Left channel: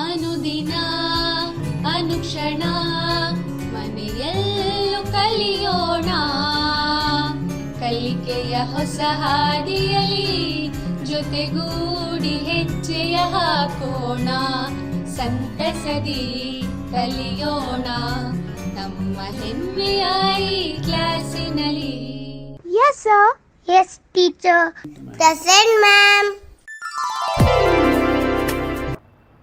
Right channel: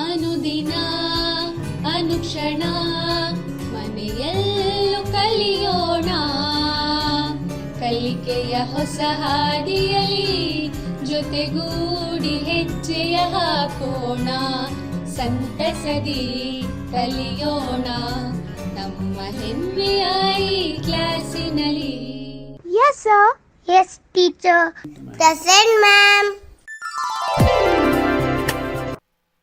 ಅನುದಿನ ಅನುಕ್ಷಣ ಮನೆಯಲ್ಲೂ ಕಲಿಯೋಣ, ಕಲಿಕೆಯ ಹೊಸ ಹಾದಿಯಲಿ ಜೊತೆಗೂಡಿ ಹೆಜ್ಜೆಯ ಹಾಕೋಣ, ಸಂತಸದಿ ಕಲಿಯೋಣ ನಮ್ಮ ಹೆಮ್ಮೆಯ ಈ ಕ್ಲಾಸಿನಲ್ಲಿ. Yes sir. Yes teacher. Present ma'am.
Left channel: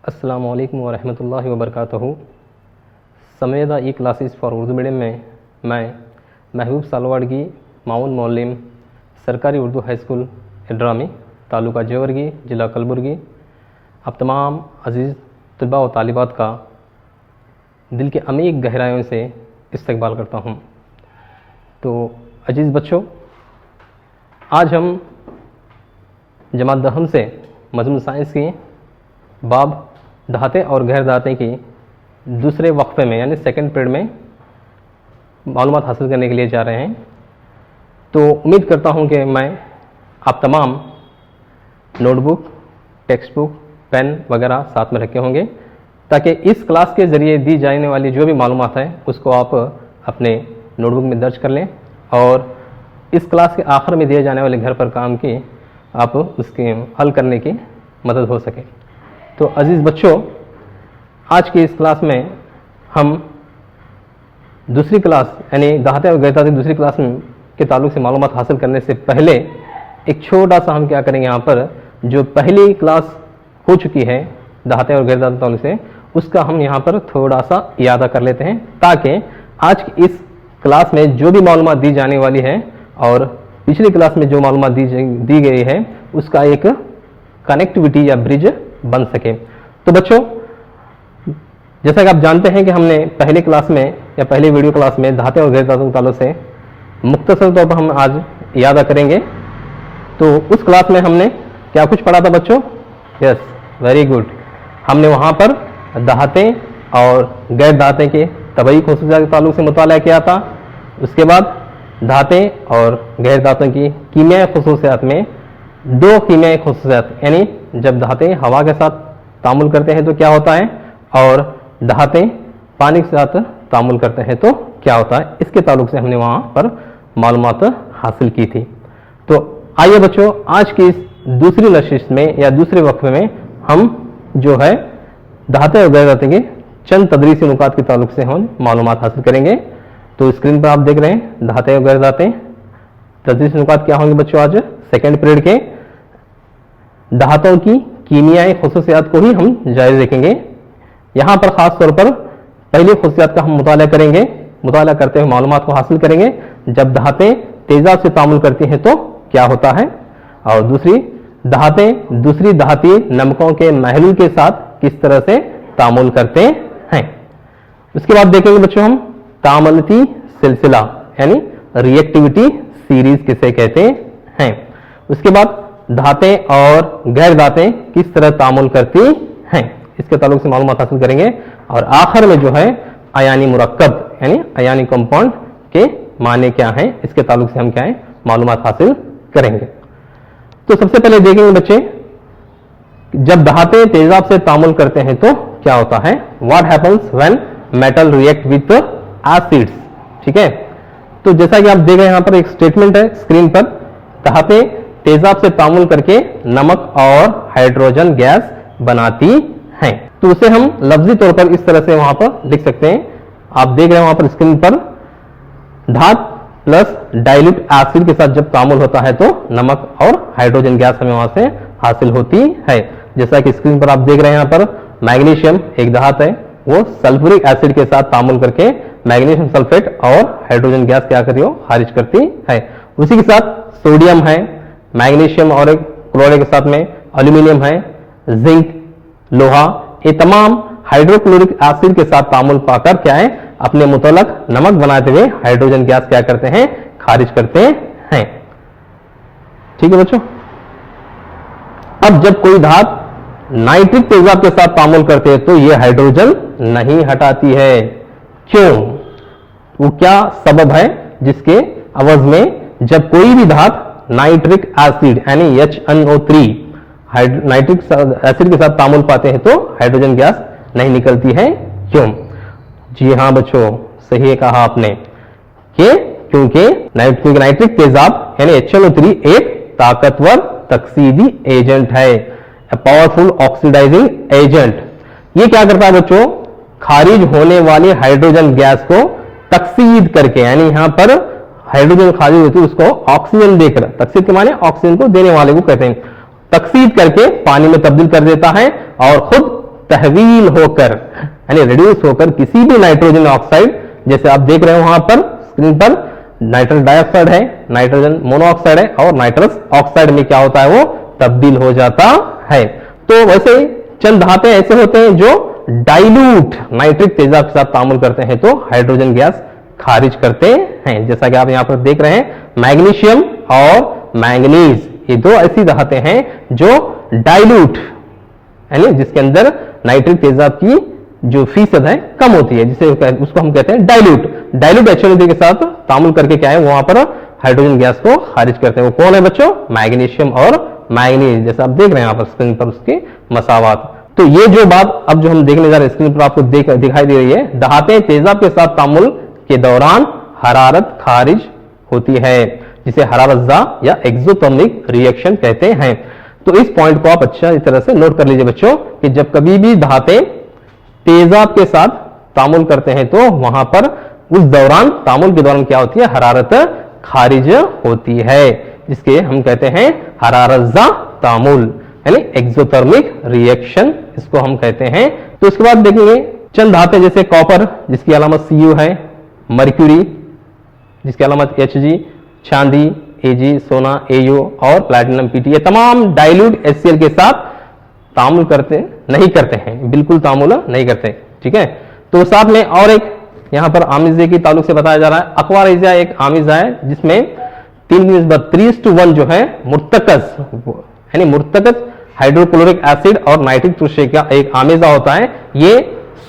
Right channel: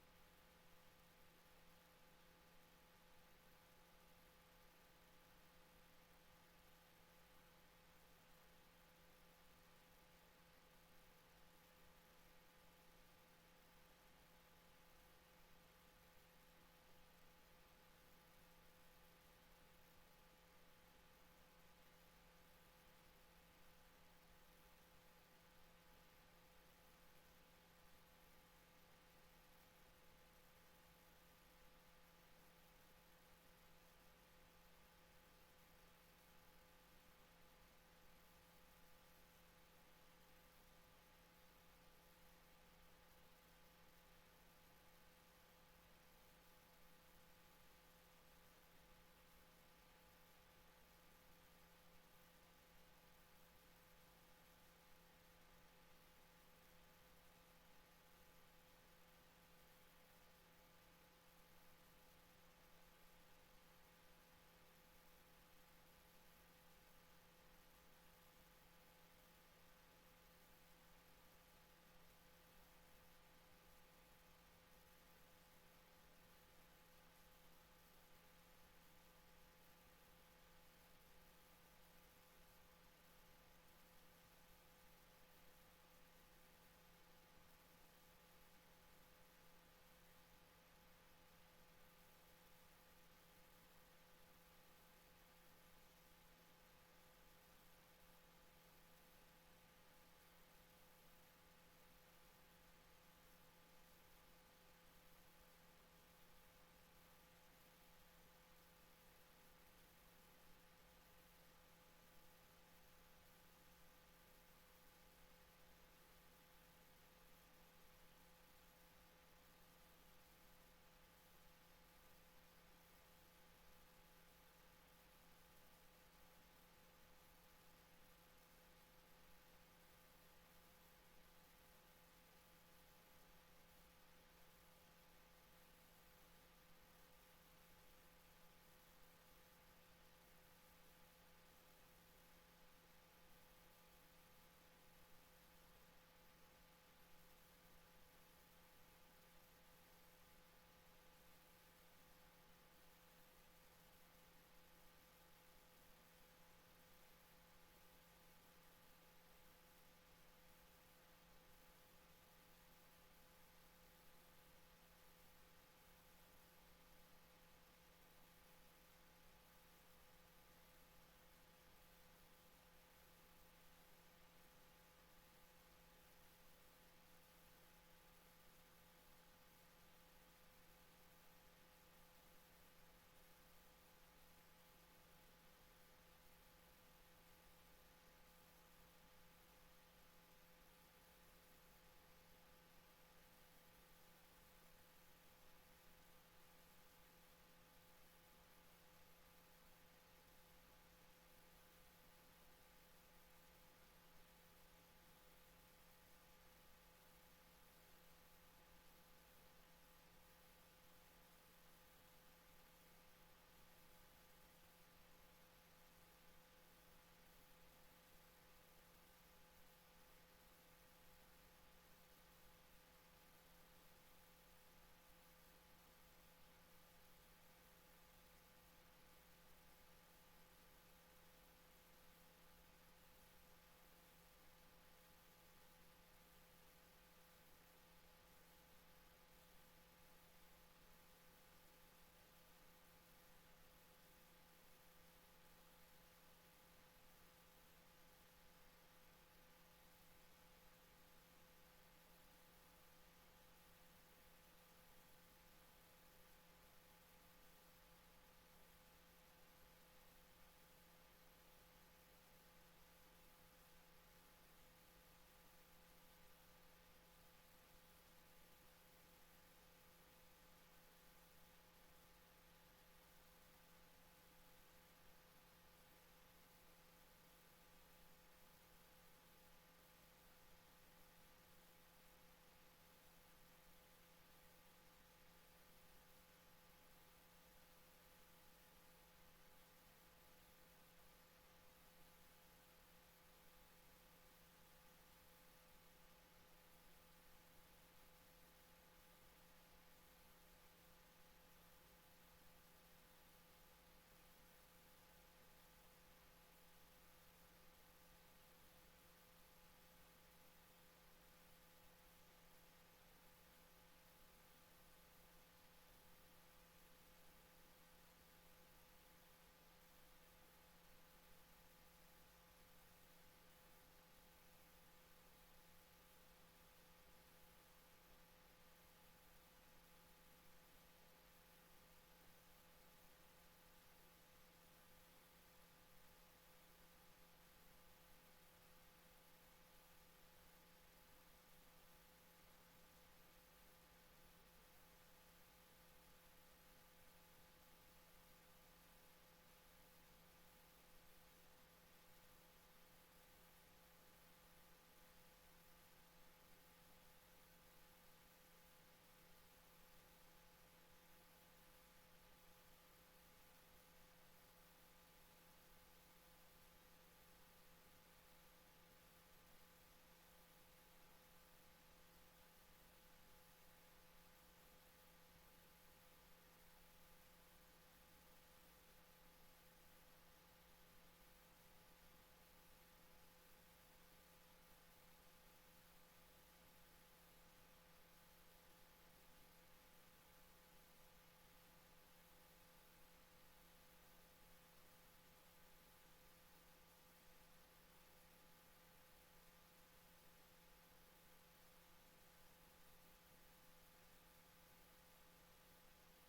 अस्सलामु अलैकुम व रहमतुल्लाहि व बरकातहू। समेदा ई क्लासेस फॉर उर्दू मीडियम में मैं महबूब सालवाड़गी माउन मौलिम सरकारी उर्दू हाई स्कूल इड्रामी तालुका जेवरगी ज़िला कलबुर्गी आप तमाम अज़ीज़ तलबा व तालिबात का दिल के अमीक गहराइयों से इस्तकबाल करता हूँ। तो अजीज़ बच्चों, आज हम जमात दहम से मज़मून साइंस की बाब दहाते और गैर दहाते की दूसरे वक्फे में यानी सेकंड पीरियड में मालूमात हासिल करने के लिए जा रहे हैं। तो उम्मीद करता हूं कि मैं आप तमाम नोटबुक, टेक्स्ट बुक, पेन वगैरह साथ में रखे होंगे ताकि इस क्लास के ज़रिए दी जाने वाली जो भी मालूमात है उसको आप अपने नोटबुक में दर्ज कर लें और इस क्लास के आखिर में दिए जाने वाले घर पर काम की आप उसके हल करने की मदद हो सके। तो अज़ीज़ बच्चों, आज की इस क्लास में हम दूसरी क्लास यानी दहाते और गैर दहाते दूसरी क्लास में के ताल्लुक़ से मालूमात हासिल करने से पहले एक छोटा सा हम क्या करेंगे, यहाँ पर जो पहली क्लास हो चुकी है दहाते और गैर दहाते ताल्लुक़ से उसका हम यहाँ पर थोड़ा सा यादा कर लेते हैं ताकि आज की इस क्लास में जो भी मालूमात दी जाने वाली है और पिछली क्लास में जो मालूमात दी गई है उसका एक कनेक्टिविटी या ब्रिज बन सके। तो बच्चों, जैसा कि आप जानते हैं कि हमने पहली क्लास में या पहली वीडियो क्लास में दहाते और गैर दहाते के ताल्लुक़ से मुख्तसर तौर पर हम आज यादा करेंगे। तो उस क्लास में हमने क्या कुछ पढ़ा था बच्चों? Yes, very good. हमने वहाँ पर दहाते और गैर दहाते के तबई खुसूसियात के ताल्लुक़ से मुताला किया था। उसके बाद दहाते और गैर दहातों की कीमियाई खुसूसियात में दो कीमियाई खुसूसियात यानी जब दहाते हवा के साथ तामुल करते हैं तो क्या होता है और दहाते पानी के साथ तामुल करते हैं तो क्या होता है, इसके ताल्लुक़ से हमने वहाँ पर मालूमात हासिल की थी। तो आइए बच्चों, आज की इस दूसरी नशिश में या दूसरे वक्फे में हम जो है दहाते और गैर दहाते के चंद तदरीसी नुकात के ताल्लुक़ से हम मालूमात हासिल करेंगे। तो स्क्रीन पर आप देख रहे हैं दहाते और गैर दहाते तदरीसी नुकात क्या होंगे बच्चों। आज सेकेंड पीरियड के दहातों की कीमियाई खुसूसियात को ही हम जायज़ देखेंगे। यहाँ पर ख़ास तौर पर पहली खुसूसियात का हम मुताला करेंगे, मुताला करते हुए मालूमात को हासिल करेंगे। जब दहाते तेज़ाब से तामुल करती हैं तो क्या होता है और दूसरी दहाते दूसरी दहाती नमकों के महलूल के साथ किस तरह से तामुल करते हैं। उसके बाद देखेंगे बच्चों हम तामलती सिलसिला यानी रिएक्टिविटी सीरीज किसे कहते हैं। उसके बाद दहाते और गैर दहाते किस तरह तामुल करती हैं, इसके ताल्लुक़ से मालूमात हासिल करेंगे। और आखिर में जो है अयानी मुरक्कब यानी अयानी कंपाउंड के माने क्या हैं, इसके ताल्लुक़ से हम क्या है मालूमात हासिल करेंगे। तो सबसे पहले देखेंगे बच्चे, जब दहाते तेजाब से तामुल करते हैं तो क्या होता है, what happens when metal react with acids. ठीक है, तो जैसा कि आप देख रहे हैं यहाँ पर एक स्टेटमेंट है स्क्रीन पर, दहाते तेजाब से तामुल करके नमक और हाइड्रोजन गैस बनाती हैं। तो उसे हम लफ्जी तौर पर इस तरह से वहां पर लिख सकते हैं। आप देख रहे हैं वहां पर स्क्रीन पर, धात प्लस डाइल्यूट एसिड के साथ जब तामुल होता है तो नमक और हाइड्रोजन गैस हमें वहां से हासिल होती है। जैसा कि स्क्रीन पर आप देख रहे हैं यहाँ पर मैग्नीशियम एक धात है, वो सल्फ्यूरिक एसिड के साथ तामुल करके मैग्नीशियम सल्फेट और हाइड्रोजन गैस क्या कर रही हो, खारिज करती है। उसी के साथ सोडियम है, मैग्नीशियम और क्लोराइड के साथ में एल्यूमिनियम है, जिंक, लोहा, ये तमाम हाइड्रोक्लोरिक एसिड के साथ तामुल पाकर क्या है अपने मुतलक नमक बनाते हुए हाइड्रोजन गैस क्या करते हैं, खारिज करते हैं। ठीक है बच्चों। अब जब कोई धात नाइट्रिक तेजाब के साथ तामुल करते हैं तो ये हाइड्रोजन नहीं हटाती है। क्यों? वो क्या सबब है जिसके अवज में जब कोई भी धात नाइट्रिक एसिड यानी HNO3 नाइट्रिक एसिड के साथ तामुल पाते हैं तो हाइड्रोजन गैस नहीं निकलती है। क्यों? जी हाँ बच्चों, सही कहा आपने कि क्योंकि नाइट्रिक तेजाब यानी HNO3 एक ताकतवर तकसीदी एजेंट है, पावरफुल ऑक्सीडाइजिंग एजेंट। ये क्या करता है बच्चों? खारिज होने वाली हाइड्रोजन गैस को तकसीद करके, यानी यहां पर हाइड्रोजन खारिज होती है उसको ऑक्सीजन देकर, तकसीद के माने ऑक्सीजन को देने वाले को कहते हैं, तकसीद करके पानी में तब्दील कर देता है और खुद तहवील होकर यानी रिड्यूस होकर किसी भी नाइट्रोजन ऑक्साइड, जैसे आप देख रहे हो वहां पर स्क्रीन पर नाइट्रस डाइऑक्साइड है, नाइट्रोजन मोनोऑक्साइड है और नाइट्रस ऑक्साइड में क्या होता है? वो तब्दील हो जाता है। तो वैसे चंद धाते ऐसे होते हैं जो डाइल्यूट नाइट्रिक तेजाब के साथ तामुल करते हैं तो हाइड्रोजन गैस खारिज करते हैं। जैसा कि आप यहां पर देख रहे हैं, मैग्नीशियम और मैंगनीज, ये दो ऐसी धाते हैं जो डाइल्यूट यानी जिसके अंदर नाइट्रिक तेजाब की जो फीसद है कम होती है, जिसे उसको हम कहते हैं डाइल्यूट। डाइल्यूट HNO3 के साथ तामुल करके क्या है? वहां पर हाइड्रोजन गैस को खारिज करते हैं। वो कौन है बच्चों? मैग्नीशियम और मैंगनीज, जैसे आप देख रहे हैं यहाँ पर स्क्रीन पर उसके मसावात। तो ये जो बात अब जो हम देखने जा रहे हैं स्क्रीन पर आपको दिखाई दे रही है, धातें तेजाब के साथ तामुल के दौरान हरारत खारिज होती है, जिसे हरारतजा या एक्सोथर्मिक रिएक्शन कहते हैं। तो इस पॉइंट को आप अच्छा इस तरह से नोट कर लीजिए बच्चों कि जब कभी भी धातें तेजाब के साथ तामुल करते हैं तो वहां पर उस दौरान तामुल के दौरान क्या होती है? हरारत खारिज होती है, जिसके हम कहते हैं हरारतजा तामुल यानी एक्सोथर्मिक रिएक्शन, इसको हम कहते हैं। तो इसके बाद देखेंगे चंद धातें जैसे कॉपर जिसकी अलामत Cu है, मर्क्यूरी जिसकी अलामत Hg, चांदी Ag, सोना Au और प्लैटिनम Pt, ये तमाम डाइल्यूट HCl के साथ तामुल नहीं करते हैं, बिल्कुल तामुल नहीं करते। ठीक है, तो साथ में और एक यहां पर आमिजे की ताल्लुक से बताया जा रहा है। अक्वारेजिया एक आमिजा है जिसमें 3:3:1 जो है मुर्तकस यानी मुर्तकस हाइड्रोक्लोरिक एसिड और नाइट्रिक तुर्शे का एक आमेजा होता है। ये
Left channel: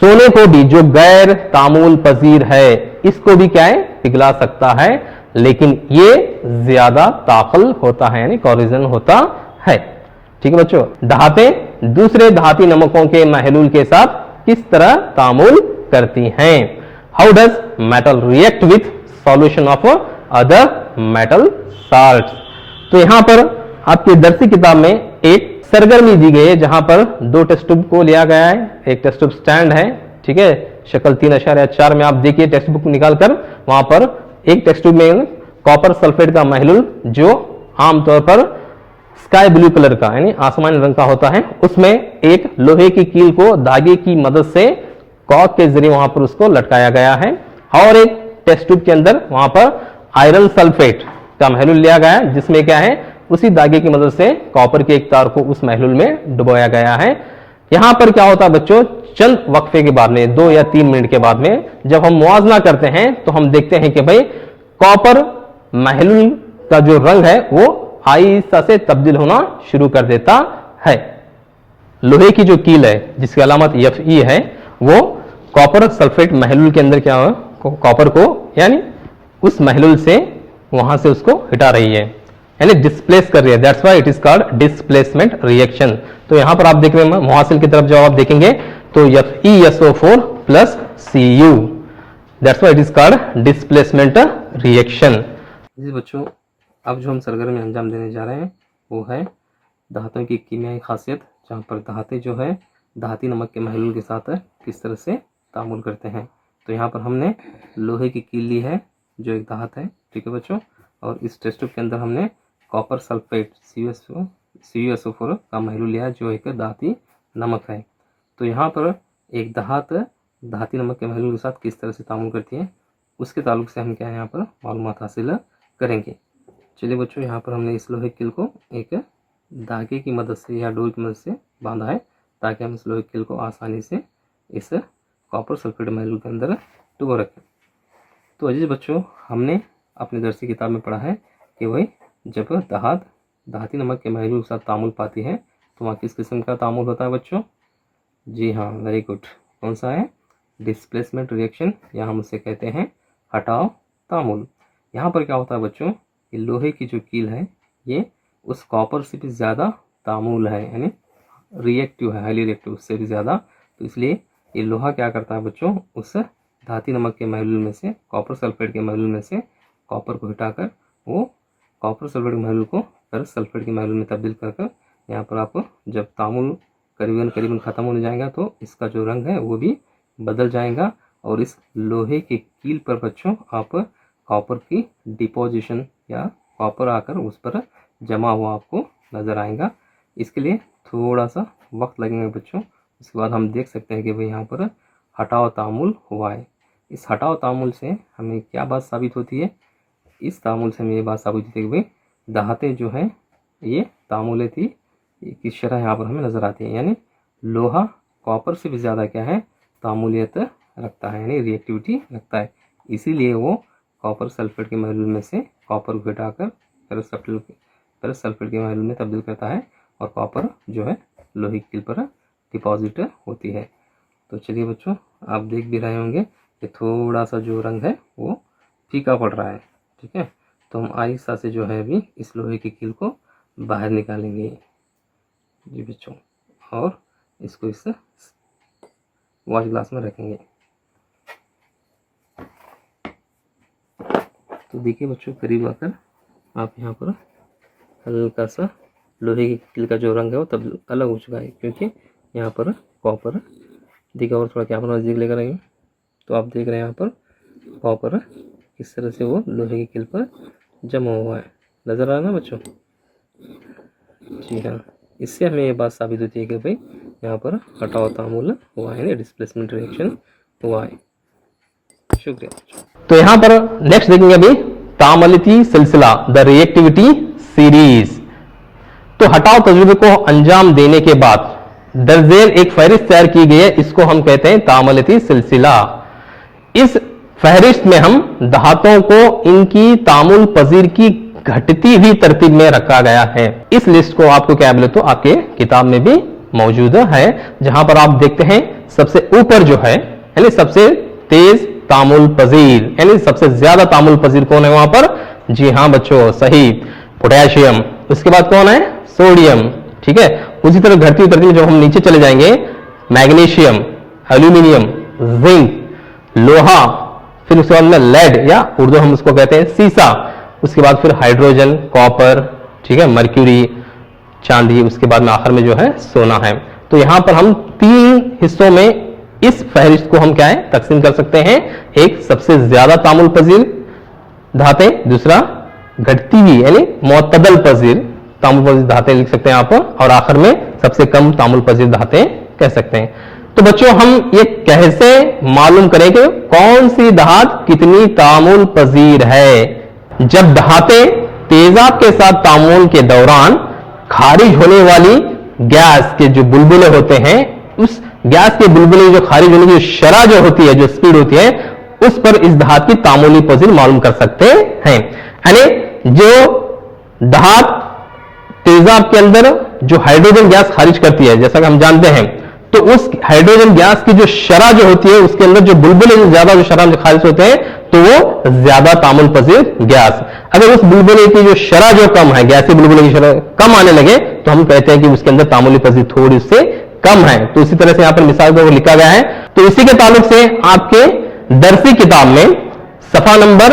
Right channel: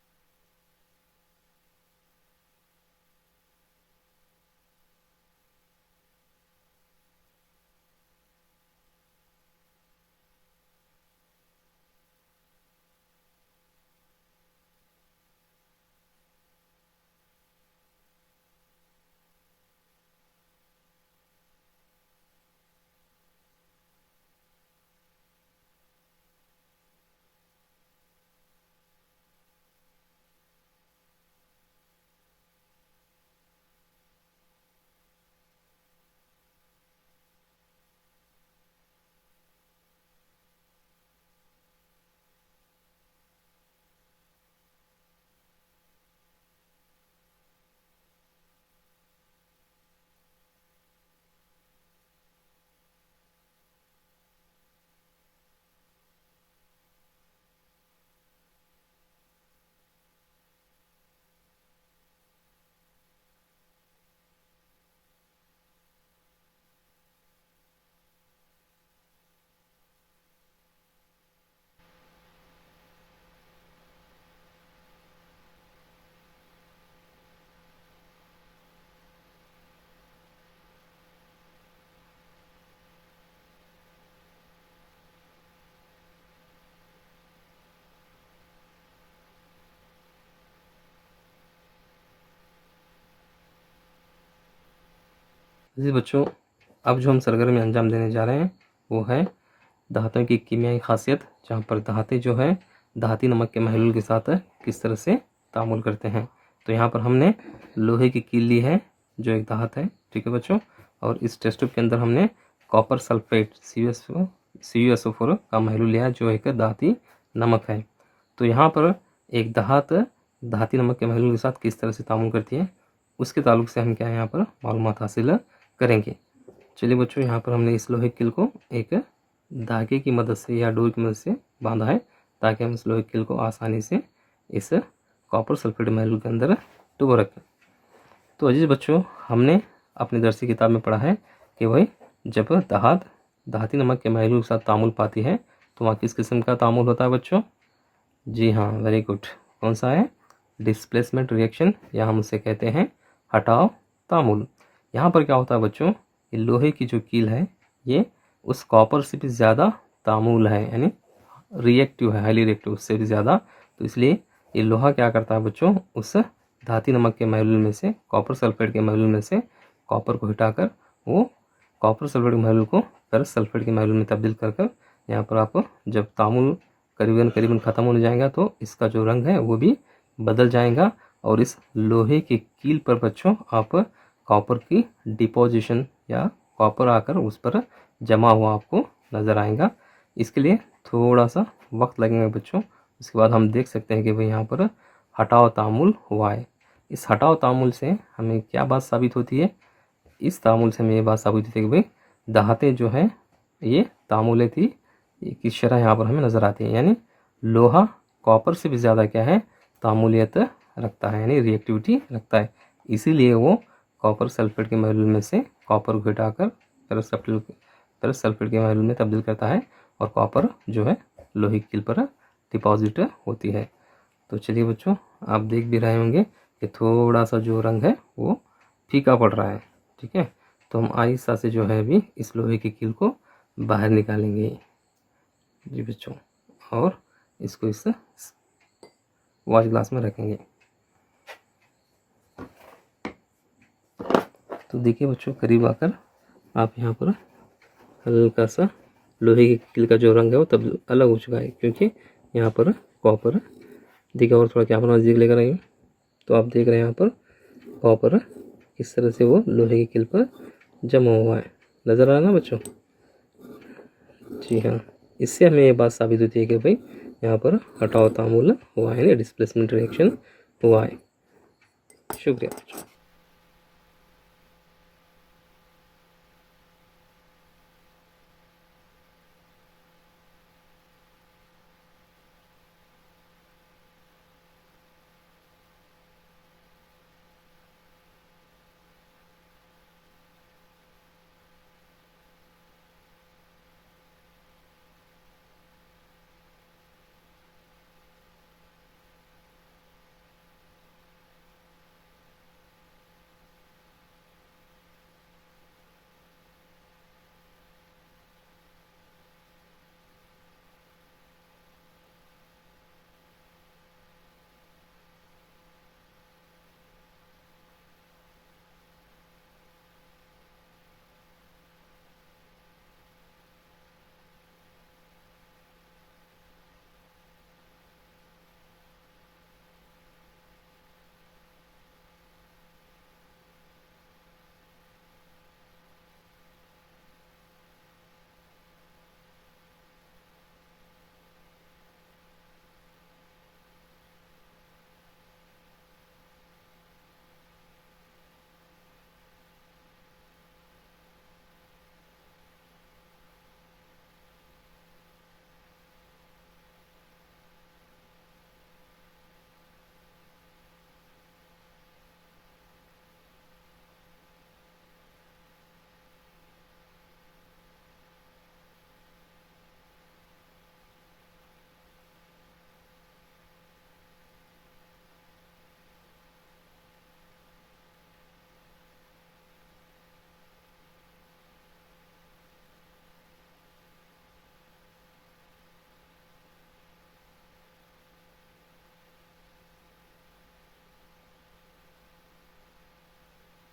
सोने को भी जो गैर तामुल पजीर है इसको भी क्या है? पिघला सकता है, लेकिन ये ज्यादा ताकल होता है यानी कोरिजन होता है। ठीक है बच्चों, धातें दूसरे धाती नमकों के महलूल के साथ किस तरह तामुल करती हैं? How does metal react with solution of other metal salts? तो यहां पर आपकी दरसी किताब में एक सरगर्मी दी गई है जहां पर दो टेस्ट ट्यूब को लिया गया है, एक टेस्ट ट्यूब स्टैंड है। ठीक है, शक्ल 3.4 में आप देखिए टेक्स्ट बुक निकालकर, वहां पर एक टेस्ट ट्यूब में कॉपर सल्फेट का महलूल जो आमतौर पर स्काई ब्लू कलर का यानी आसमानी रंग का होता है, उसमें एक लोहे की कील को धागे की मदद से कॉक के जरिए वहां पर उसको लटकाया गया है। और एक टेस्ट ट्यूब के अंदर वहां पर आयरन सल्फेट का महलूल लिया गया है, जिसमें क्या है? उसी धागे की मदद से कॉपर के एक तार को उस महलूल में डुबोया गया है। यहां पर क्या होता है बच्चों? चंद वक्फे के बाद में 2 या 3 मिनट के बाद में जब हम मुआवजा करते हैं तो हम देखते हैं कि भाई कॉपर महलूल का जो रंग है वो आहिस्ता से तब्दील होना शुरू कर देता है। लोहे की जो कील है जिसकी अलामत Fe है, वो कॉपर सल्फेट महलूल के अंदर क्या है? कॉपर को यानी उस महलूल से वहां से उसको हटा रही है यानी डिस्प्लेस कर रही है। That's why it is called displacement reaction. तो यहां पर आप देख रहे हैं मुहासिल की तरफ जब आप देखेंगे तो FeSO4 plus Cu, that's why it is called displacement reaction. जी बच्चों, अब जो हम सरगर्मी अंजाम देने जा रहे हैं वो है धातुओं की कीमियाई खासियत, जहाँ पर धातें जो है धाती नमक के महलूल के साथ किस तरह से तामुल करते हैं। तो यहाँ पर हमने लोहे की कील ली है जो एक धात है। ठीक है बच्चों, और इस टेस्ट ट्यूब के अंदर हमने कॉपर सल्फेट CuSO4 का महलूल लिया है जो एक धाती नमक है। तो यहाँ पर एक धात धाती नमक के महलूल के साथ किस तरह से तामुल करती है उसके ताल्लुक से हम क्या है यहाँ पर मालूमात हासिल करेंगे। चलिए बच्चों, यहाँ पर हमने इस लोहे कील को एक धागे की मदद से या डोर की मदद से बांधा है ताकि हम इस लोहे कील को आसानी से इस कॉपर सल्फेट महलूल के अंदर डुबो रखें। तो अजीज बच्चों, हमने अपनी दरसी किताब में पढ़ा है कि भाई जब धात धाती नमक के महलूल के साथ तामुल पाती है तो वहाँ किस किस्म का तामुल होता है बच्चों? जी हाँ, वेरी गुड। कौन सा है? डिस्प्लेसमेंट रिएक्शन, या हम उसे कहते हैं हटाव तामुल। यहाँ पर क्या होता है बच्चों? ये लोहे की जो कील है ये उस कॉपर से भी ज़्यादा तामुल है, यानी रिएक्टिव है, हाईली रिएक्टिव, उससे भी ज़्यादा। तो इसलिए ये लोहा क्या करता है बच्चों, उस धाती नमक के मॉलिक्यूल में से, कॉपर सल्फेट के मॉलिक्यूल में से कॉपर को हटाकर वो कॉपर सल्फेट के मॉलिक्यूल को फेरस सल्फेट के मॉलिक्यूल में तब्दील कर यहाँ पर आपको जब तामुल करीबन ख़त्म होने जाएगा तो इसका जो रंग है वो भी बदल जाएगा। और इस लोहे के कील पर बच्चों आप कॉपर की डिपोजिशन या कॉपर आकर उस पर जमा हुआ आपको नज़र आएगा। इसके लिए थोड़ा सा वक्त लगेगा बच्चों। उसके बाद हम देख सकते हैं कि भाई यहाँ पर हटाव तामुल हुआ है। इस हटाव तामुल से हमें क्या बात साबित होती है, इस तामुल से हमें ये बात साबित होती है कि भाई धातें जो हैं ये तामुले थी की शरह यहाँ पर हमें नज़र आती है, यानी लोहा कॉपर से भी ज़्यादा क्या है, तामुलियत रखता है, यानी रिएक्टिविटी रखता है। इसीलिए वो कॉपर सल्फेट के मॉलिक्यूल में से कॉपर को हटाकर फेरस सल्फेट के मॉलिक्यूल में तब्दील करता है और कॉपर जो है लोहे की कील पर डिपॉजिट होती है। तो चलिए बच्चों, आप देख भी रहे होंगे कि थोड़ा सा जो रंग है वो फीका पड़ रहा है, ठीक है। तो हम आहिस्ता से जो है अभी इस लोहे की कील को बाहर निकालेंगे जी बच्चों, और इसको इस वॉश ग्लास में रखेंगे। तो देखिए बच्चों, करीब आकर आप यहाँ पर हल्का सा लोहे की कील का जो रंग है वो तब अलग हो चुका है, क्योंकि यहाँ पर कॉपर देखिए, और थोड़ा क्या पर नज़दीक लेकर आएंगे तो आप देख रहे हैं यहाँ पर कॉपर किस तरह से वो लोहे की कील पर जमा हुआ है, नज़र आ रहा है ना बच्चों। जी हाँ, इससे हमें ये बात साबित होती है कि भाई यहाँ पर हटाव तामुल हुआ है, डिस्प्लेसमेंट रिएक्शन हुआ है। शुक्रिया बच्चों। तो यहाँ पर नेक्स्ट देखेंगे अभी तामलिती सिलसिला, द रिएक्टिविटी सीरीज। तो हटाव तजुर्बे को अंजाम देने के बाद दर्जेल एक फहरिस्त तैयार की गई है, इसको हम कहते हैं तामलिती सिलसिला। इस फहरिस्त में हम धातुओं को इनकी तामुल पजीर की घटती हुई तरतीब में रखा गया है। इस लिस्ट को आपको क्या बोले तो आपके किताब में भी मौजूद है, जहां पर आप देखते हैं सबसे ऊपर जो है यानी सबसे तेज तामुल पजीर, यानी सबसे ज्यादा तामुल पजीर कौन है वहां पर? जी हाँ बच्चों, सही, पोटेशियम। उसके बाद कौन है? सोडियम, ठीक है। उसी तरह घटती उतरती में जब हम नीचे चले जाएंगे, मैग्नीशियम, एल्यूमिनियम, जिंक, लोहा, फिर उसके बाद में लेड या उर्दू हम उसको कहते हैं सीसा, उसके बाद फिर हाइड्रोजन, कॉपर, ठीक है, मर्क्यूरी, चांदी, उसके बाद में आखिर में जो है सोना है। तो यहां पर हम 3 हिस्सों में इस फहरिस्त को हम क्या है तकसीम कर सकते हैं। एक सबसे ज्यादा तामुल पजीर धातें, दूसरा घटती हुई यानी मुअत्तदल पजीर तामुल पजीर धातें लिख सकते हैं आप, और आखिर में सबसे कम तामुल पजीर धातें कह सकते हैं। तो बच्चों, हम ये कैसे मालूम करें कि कौन सी धात कितनी तामुल पजीर है? जब धातें तेजाब के साथ तामुल के दौरान खारिज होने वाली गैस के जो बुलबुले होते हैं, उस गैस के बुलबुले जो खारिज होने की शरह जो होती है, जो स्पीड होती है, उस पर इस धात की तामुली पजीर मालूम कर सकते हैं। यानी जो धात तेजाब के अंदर जो हाइड्रोजन गैस खारिज करती है, जैसा कि हम जानते हैं, तो उस हाइड्रोजन गैस की जो शरह जो होती है, उसके अंदर जो बुलबुले जो ज्यादा जो शरह खारिज होते हैं, तो वो ज्यादा तामुल पजीर गैस। अगर उस बुलबुले की जो शरह जो कम है, गैसी बुलबुले की शरह कम आने लगे, तो हम कहते हैं कि उसके अंदर तामुली पजीर थोड़ी उससे कम है। तो इसी तरह से यहां पर मिसाल को लिखा गया है। तो इसी के ताल्लुक से आपके दरसी किताब में सफा नंबर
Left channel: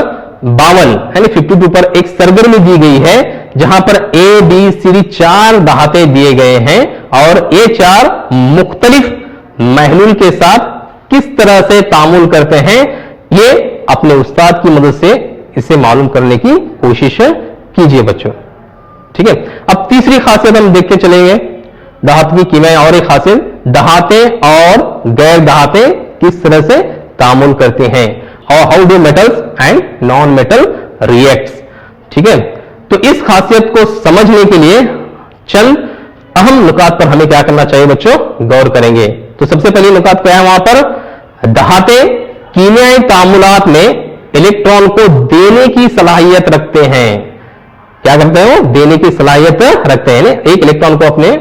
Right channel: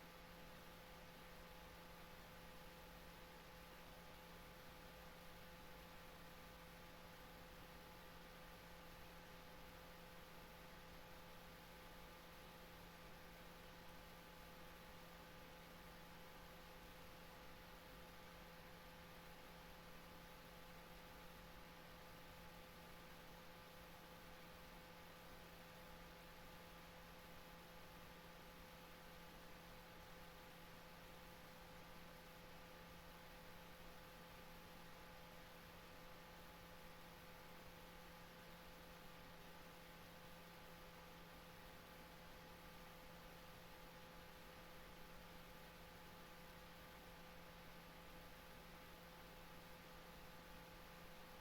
52 यानी 52 पर एक सरगर्मी दी गई है, जहां पर ए बी सी 4 धातें दिए गए हैं, और ये 4 मुख्तलिफ महलूल के साथ किस तरह से तामुल करते हैं, ये अपने उस्ताद की मदद से इसे मालूम करने की कोशिश कीजिए बच्चों, ठीक है। अब तीसरी खासियत हम देखते चलेंगे धातु की कीमियाई, और एक खासियत धातें और गैर धातें किस तरह से तामुल करते हैं, और how do metals and non metal reacts, ठीक है। तो इस खासियत को समझने के लिए चंद अहम नुकात पर हमें क्या करना चाहिए बच्चों, गौर करेंगे। तो सबसे पहले नुकात क्या है वहां पर? धातें कीमियाई तामुलात में इलेक्ट्रॉन को देने की सलाहियत रखते हैं। क्या करते हैं वो? देने की सलाहियत रखते हैं, एक इलेक्ट्रॉन को अपने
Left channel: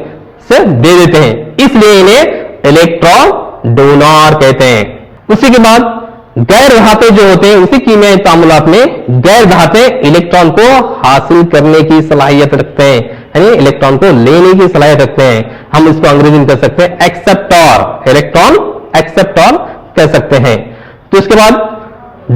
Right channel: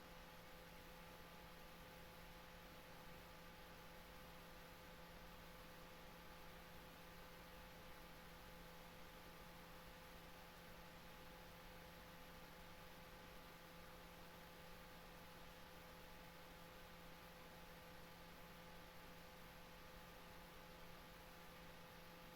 से दे देते हैं, इसलिए इन्हें इलेक्ट्रॉन डोनर कहते हैं। उसी के बाद गैर धातें जो होते हैं, उसी कीमियाई तामुलात में गैर धातें इलेक्ट्रॉन को हासिल करने की सलाहियत रखते हैं, यानी इलेक्ट्रॉन को लेने की सलाहियत रखते हैं। हम इसको अंग्रेजी में कह सकते हैं एक्सेप्टर, इलेक्ट्रॉन एक्सेप्टर कह सकते हैं। तो इसके बाद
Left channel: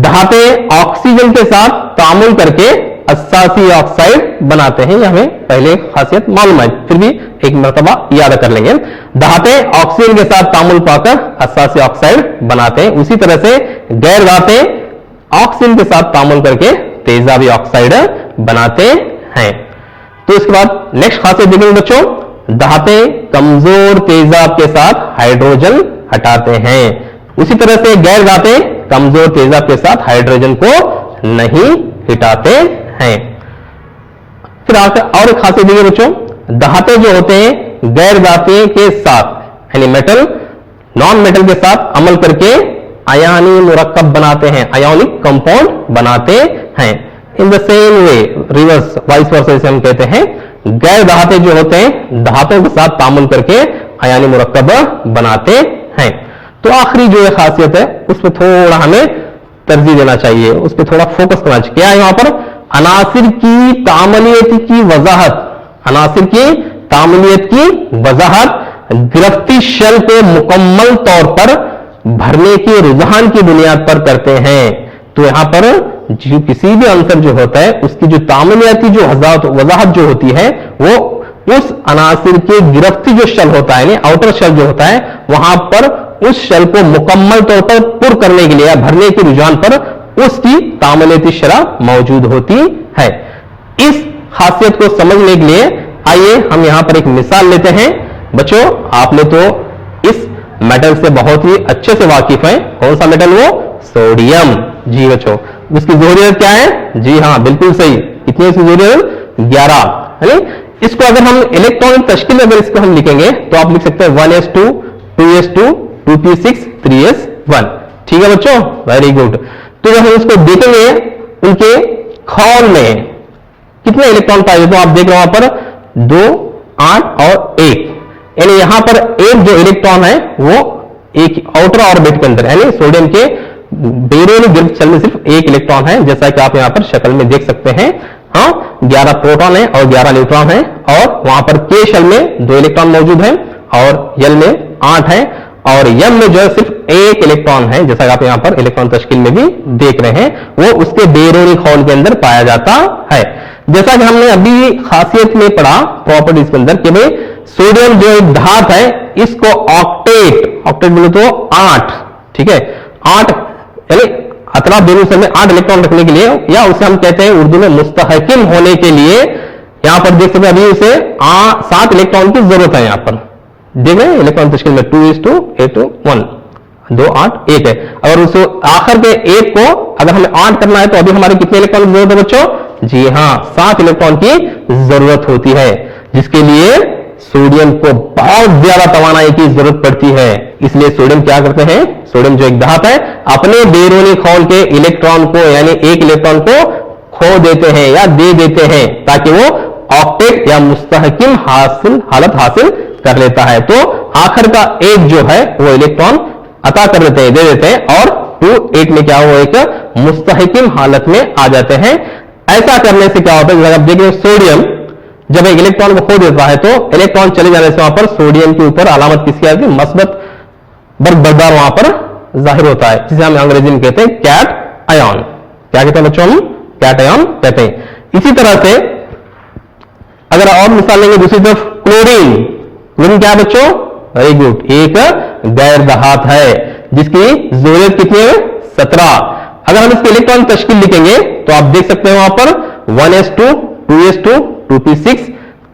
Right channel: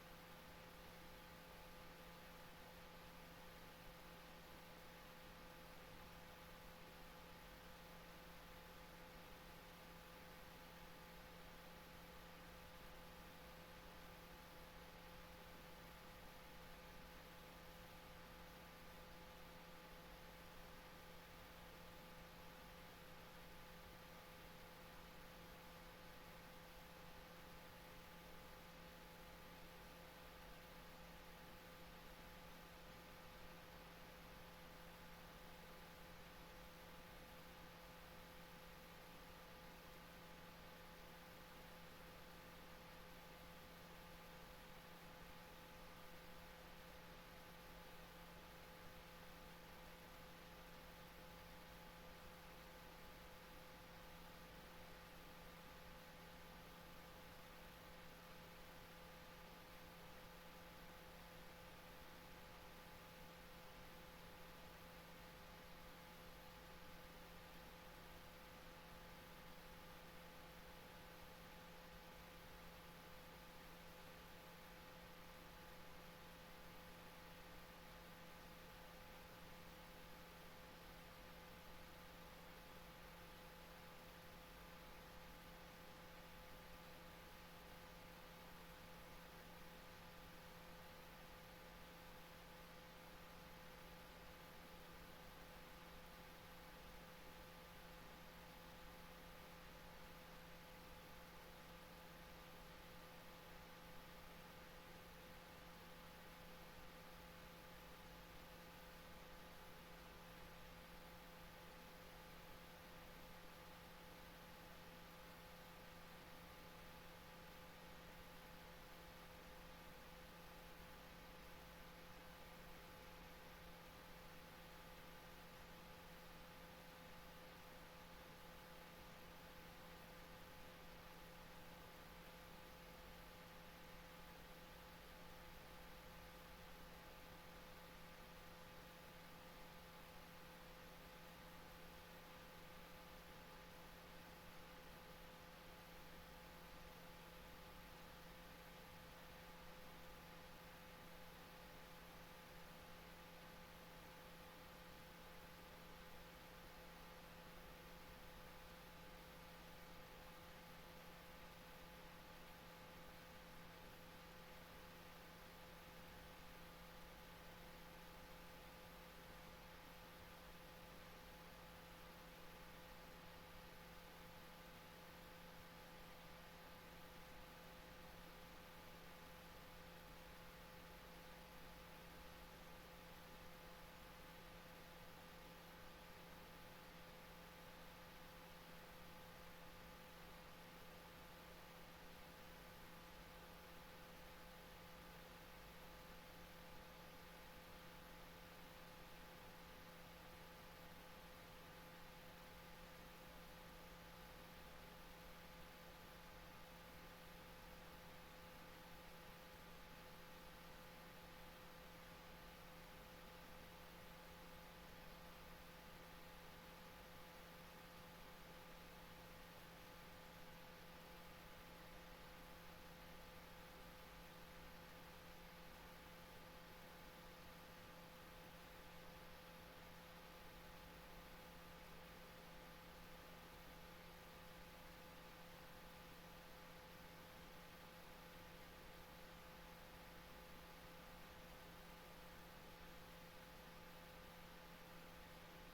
धाते ऑक्सीजन के साथ तामुल करके अस्सासी ऑक्साइड बनाते हैं। यह हमें पहले खासियत मालूम है, फिर भी एक मर्तबा याद कर लेंगे। धाते ऑक्सीजन के साथ तामुल पाकर अस्सासी ऑक्साइड बनाते हैं। उसी तरह से गैर धाते ऑक्सीजन के साथ तामुल करके तेजाबी ऑक्साइड बनाते हैं। तो इसके बाद नेक्स्ट खासियत देखेंगे बच्चों, धाते कमजोर तेजाब के साथ हाइड्रोजन हटाते हैं। उसी तरह से गैर धाते कमजोर तेजाब के साथ हाइड्रोजन को नहीं हटाते हैं। फिर और एक खासियत देखिए बच्चों, धाते जो होते हैं गैर धाते के साथ यानी मेटल नॉन मेटल के साथ अमल करके अयानी मुरक्कब बनाते हैं, अयोनिक कंपाउंड बनाते हैं। In the same way reverse vice versa इसे हम कहते हैं, गैर धाते जो होते हैं धातों के साथ तामुल करके अयानी मुरक्कब बनाते हैं। तो आखिरी जो ये खासियत है उस पर थोड़ा हमें तरजीह देना चाहिए, उस पर थोड़ा फोकस करना चाहिए। क्या है यहां पर, अनासिर की तामलियत की वजाहत, अनासिर की तामलियत की वजाहत गिरफ्ती शेल को मुकम्मल तौर पर भरने के रुझान की बुनियाद पर करते हैं। तो यहां पर जो किसी भी अंसर जो होता है उसकी जो तामलियाती जो वजाहत जो होती है वो उस अनासिर के गिरफ्ती जो शेल होता है आउटर शेल जो होता है वहां पर उस शेल को मुकम्मल तौर पर पुर करने के लिए या भरने के रुझान पर उसकी तामलियाती शरह मौजूद होती है। इस खासियत को समझने के लिए आइए हम यहां पर एक मिसाल लेते हैं। बच्चों आपने तो इस मेटल से बहुत ही अच्छे से वाकिफ हैं। कौन सा मेटल, वो सोडियम। जी बच्चों उसकी ज़ोहरियत क्या है, जी हाँ बिल्कुल सही, कितनी इसकी ज़ोहरियत 11 है। इसको अगर हम इलेक्ट्रॉनिक तश्कील अगर इसको हम लिखेंगे तो आप लिख सकते हैं 1s2 2s2 2p6 3s1। ठीक है बच्चों, वेरी गुड। तो जब हम इसको देखेंगे उनके खौल में कितने इलेक्ट्रॉन पाए तो आप देख रहे हो वहां पर 2 8 और 1, यानी यहां पर एक जो इलेक्ट्रॉन है वो एक आउटर ऑर्बिट के अंदर यानी सोडियम के बेरोनिक गिरफ्त शेल में सिर्फ एक इलेक्ट्रॉन है, जैसा कि आप यहां पर शक्ल में देख सकते हैं। हाँ 11 प्रोटॉन है और 11 न्यूट्रॉन है, और वहां पर के शेल में 2 इलेक्ट्रॉन मौजूद है और एल में 8 है, और एम में जो है सिर्फ एक इलेक्ट्रॉन है, जैसा कि आप यहां पर इलेक्ट्रॉन तश्कील में भी देख रहे हैं, वो उसके बेरोनिक हॉल के अंदर पाया जाता है। जैसा कि हमने अभी खासियत में पढ़ा प्रॉपर्टीज के अंदर कि भाई सोडियम जो एक धात है इसको ऑक्टेट बोले तो 8, ठीक है 8 यानी अतराफ दोनों में 8 इलेक्ट्रॉन रखने के लिए, या उसे हम कहते हैं उर्दू में मुस्तहकिम होने के लिए, यहां पर देख सकते हैं अभी उसे 7 इलेक्ट्रॉन की जरूरत है। यहां पर देख रहे हैं इलेक्ट्रॉन तश्कील में 2:8 1 2 8 1 है। अगर उस आखिर के एक को अगर हमें 8 करना है तो अभी हमारे कितने इलेक्ट्रॉन की जरूरत है बच्चों, जी हाँ 7 इलेक्ट्रॉन की जरूरत होती है, जिसके लिए सोडियम को बहुत ज्यादा तवानाई की जरूरत पड़ती है। इसलिए सोडियम क्या करते हैं, सोडियम जो एक धात है अपने बेरोनिक हॉल के इलेक्ट्रॉन को यानी एक इलेक्ट्रॉन को खो देते हैं या दे देते हैं ताकि वो ऑक्टेट या मुस्तहकिम हालत हासिल कर लेता है। तो आखिर का एक जो है वो इलेक्ट्रॉन अता कर देते हैं, दे देते हैं, और 2 8 में क्या वो एक मुस्तहकिम हालत में आ जाते हैं। ऐसा करने से क्या होता है, आप देखिए सोडियम जब एक इलेक्ट्रॉन को खो देता है तो इलेक्ट्रॉन चले जाने से वहां पर सोडियम के ऊपर अलामत किसकी आती है, मस्बत बरकरार वहां पर जाहिर होता है, जिसे हम अंग्रेजी में कहते हैं कैट आयन। क्या कहते हैं बच्चों, हम कैट आयन कहते हैं। इसी तरह से अगर और मिसाल लेंगे दूसरी तरफ क्लोरीन, क्लोरीन क्या है बच्चों, वेरी गुड, एक गैर धात है जिसकी ज़रूरत कितनी है 17। अगर हम इसके इलेक्ट्रॉन तश्कील लिखेंगे तो आप देख सकते हैं वहां पर 1s2 2s2 2p6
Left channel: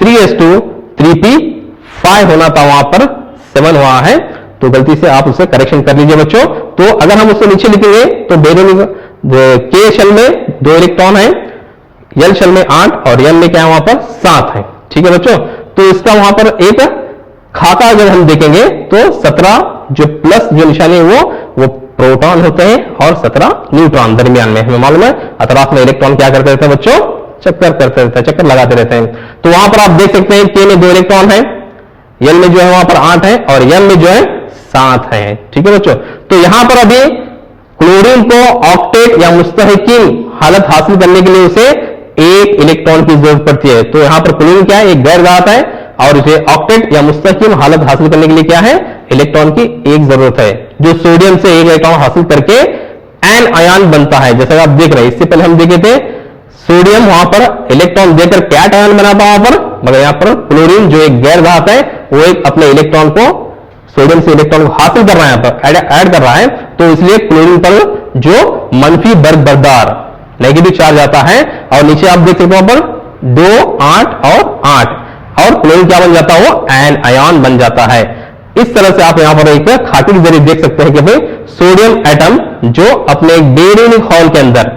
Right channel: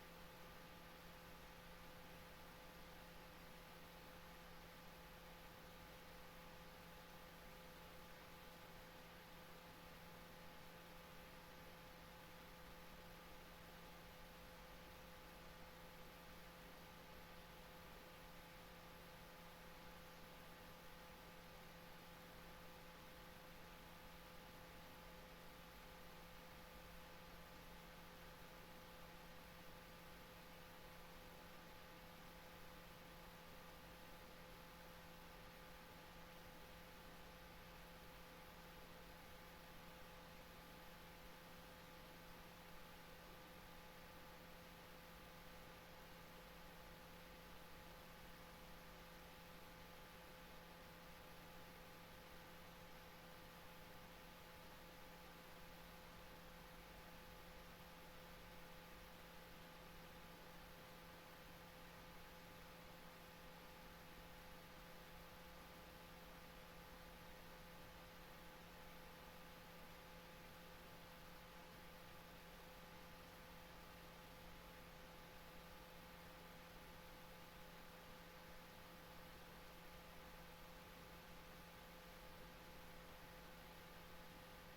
3s2 3p5 होना था, वहां पर 7 हुआ है, तो गलती से आप उससे करेक्शन कर लीजिए बच्चों। तो अगर हम उसको नीचे लिखेंगे तो बेरोनिक के शेल में 2 इलेक्ट्रॉन है, एल शेल में 8 और एम में क्या है वहां पर 7 है। ठीक है बच्चों, तो इसका वहां पर एक खाका अगर हम देखेंगे तो 17 जो प्लस जो निशानी है वो प्रोटॉन होते हैं और 17 न्यूट्रॉन दरमियान में। हमें मालूम है अतराफ में इलेक्ट्रॉन क्या करते रहते हैं बच्चों, चक्कर करते रहते हैं, चक्कर लगाते रहते हैं। तो वहां पर आप देख सकते हैं के में 2 इलेक्ट्रॉन है, एल में जो है वहां पर 8 है और एम में जो है 7 है। ठीक है बच्चों, तो यहां पर अभी क्लोरीन को ऑक्टेट या मुस्तहकिम हालत हासिल करने के लिए उसे एक इलेक्ट्रॉन की जरूरत पड़ती है। तो यहां पर क्लोरीन क्या है, एक गैर धातु है और इसे ऑक्टेट या मुस्तहकिम हालत हासिल करने के लिए क्या है, इलेक्ट्रॉन की एक जरूरत है, जो सोडियम से एक इलेक्ट्रॉन हासिल करके एन आयन बनता है। जैसा आप देख रहे हैं, इससे पहले हम देखे थे सोडियम वहां पर इलेक्ट्रॉन देकर कैट आयन बनाता वहां पर, मगर यहां पर क्लोरीन जो एक गैर धातु है वो एक अपने इलेक्ट्रॉन को सोडियम से इलेक्ट्रॉन को हासिल कर रहा है, यहाँ पर ऐड कर रहा है। तो इसलिए क्लोरीन पर जो मंफी वर्ग बरदार नेगेटिव चार्ज आता है और नीचे आप देख सकते हो पर 2, 8 और 8 और क्लोरीन क्या बन जाता है, वो एन आयन बन जाता है। इस तरह से आप यहां पर एक खाके के जरिए देख सकते हैं कि भाई सोडियम एटम जो अपने एक बेरियनिक हॉल के अंदर